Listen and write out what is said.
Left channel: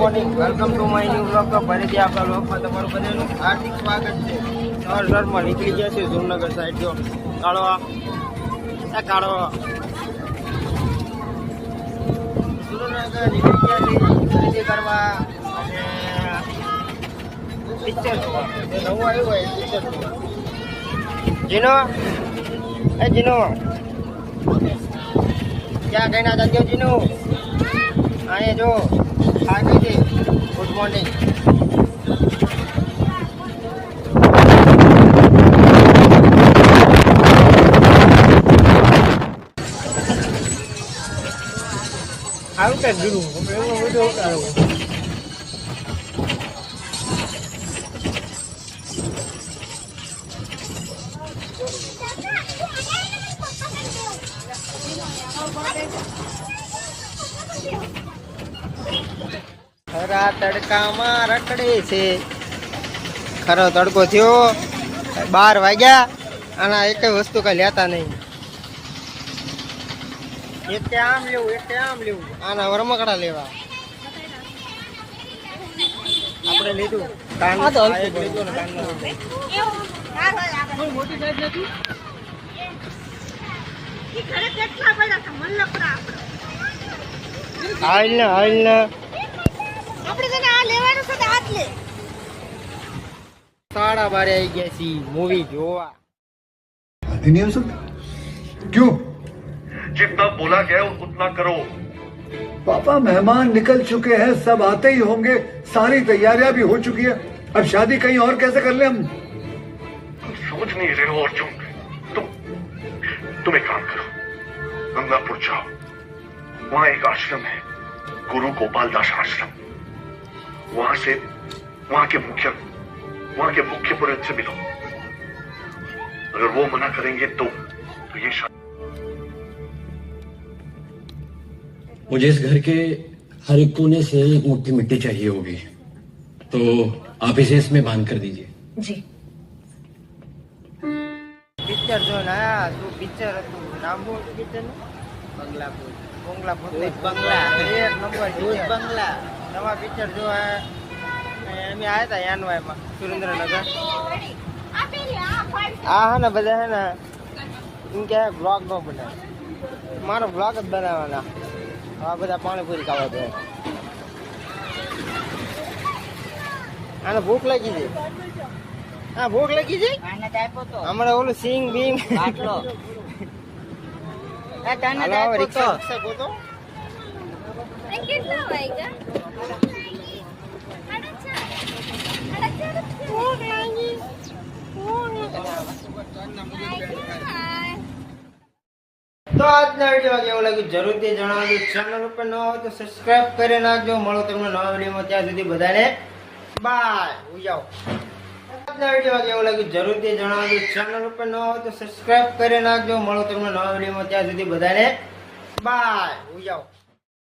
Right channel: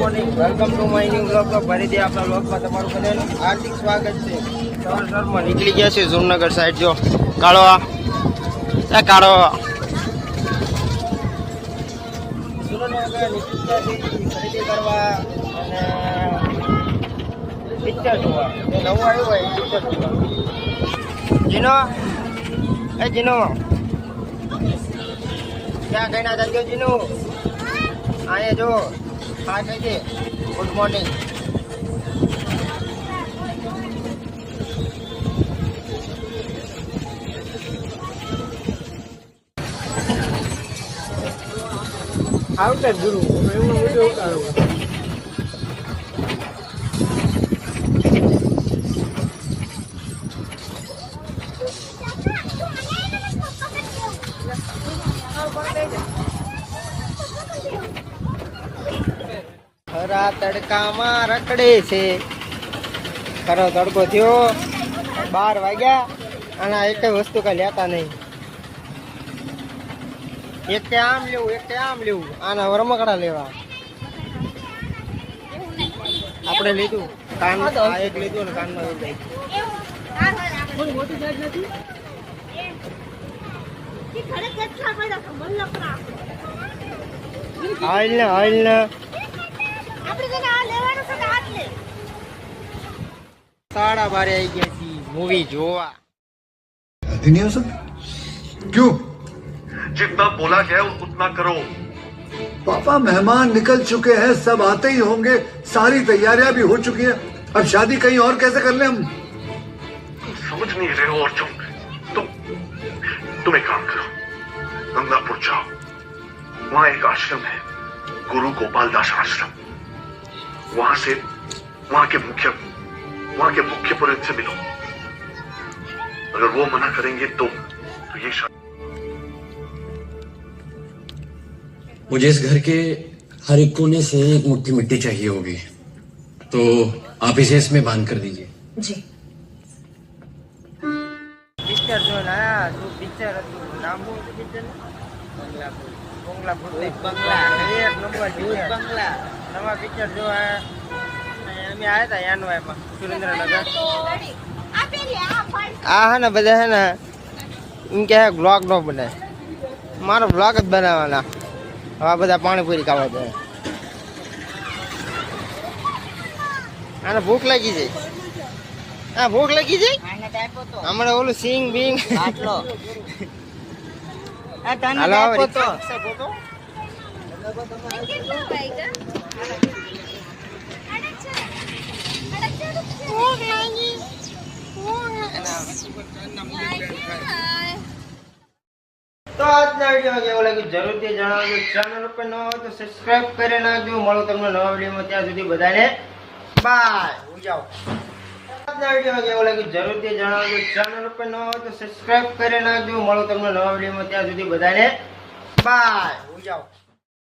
Morning, welcome to my new blog. તો ફરીથી આપણા બ્લોગમાં તમારું બધાનું હાર્દિક સ્વાગત છે. સવારમાં નીકળી ગયા છે જુમનગર સાઈડ. જો કાળો કાળો સુરેન્દ્રનગર નીકળી ગયા છે ખરીદી કરવા અને પિક્ચર જોવા. જે નવું આવ્યું હોય પિક્ચર જોવા. જીનો જીનો ક્યાં કઈ ના ધંધો જીનો અહીંયા જો હા કહી દે. Good morning. આવતા જ જુનું એમનો વિડીયો ઉતારો. ખરા તડકામાં રખડે છે. ખરો તડકો થયો 12 વાગ્યા. આના એક વસ્તુ કઈ લેતા નહીં. એક તે આમ લેવું, એક તે આમ લેવું. આના રમકડા લેવા આપણે લીધું. કાન આ એક લીધું ને કાનમાં મોટી સાઈઝ નથી. હાલ ને साढ़ा 12 आई गया सी मूवी जोवा. क्यों? जितना बोला गया उतना करो. पापा मेहमान निकल चुके हैं, सब आते ही होंगे, सारी तैयारियां भी हो चुकी है. अब शादी कहीं और कैसे कर ले हम? तुम समझ नहीं रहे हो अर्जुन. तुम एक काम करो, गंगापुर जाओ. वहाँ एक आश्रम है, गुरु गोपाल दास आश्रम. वहाँ के मुख्य पुरोहित से मिलो. अगर वो मना करेंगे तो ये मुझे इस घर के हर एक कोने से एक मुट्ठी मिट्टी चाहिए होगी, तो आप इसे इसमें बांध कर दीजिए. जी. पिक्चर जो ना तो पिक्चर नाम बोल पिक्चर बंगला एक नंबर बंगला नवा पिक्चर जो है. અમે આયા હતા યાનવાયમાં સુરેન્દ્રનગર. આ હે ને બધા હે ને એમ કે બ્લોગ નો બનાવે. મારો બ્લોગ જ બનાવવાના. આ બધા પાણીપુરી ખાવા દે. આને ભૂખ લાગી છે. હા ભૂખ લાગી છે. હમણાં ઓલું સિંગ બિંગ હાલો રિક્ષા તો આજના વિડીયો કેવો લાગ્યો જરૂરથી જણાવજો. ચેનલ ઉપર ન હોય તો સબસ્ક્રાઇબ કરી નાખજો. મળો તમને નવા વિડીયોમાં. ત્યાં સુધી બધાને બાય. જાઓ. આજના વિડીયો કેવો લાગ્યો જરૂરથી જણાવજો. ચેનલ ઉપર ન હોય તો સબસ્ક્રાઇબ કરી નાખજો. મળો તમને નવા વિડીયોમાં. ત્યાં સુધી બધાને બાય. જાઓ.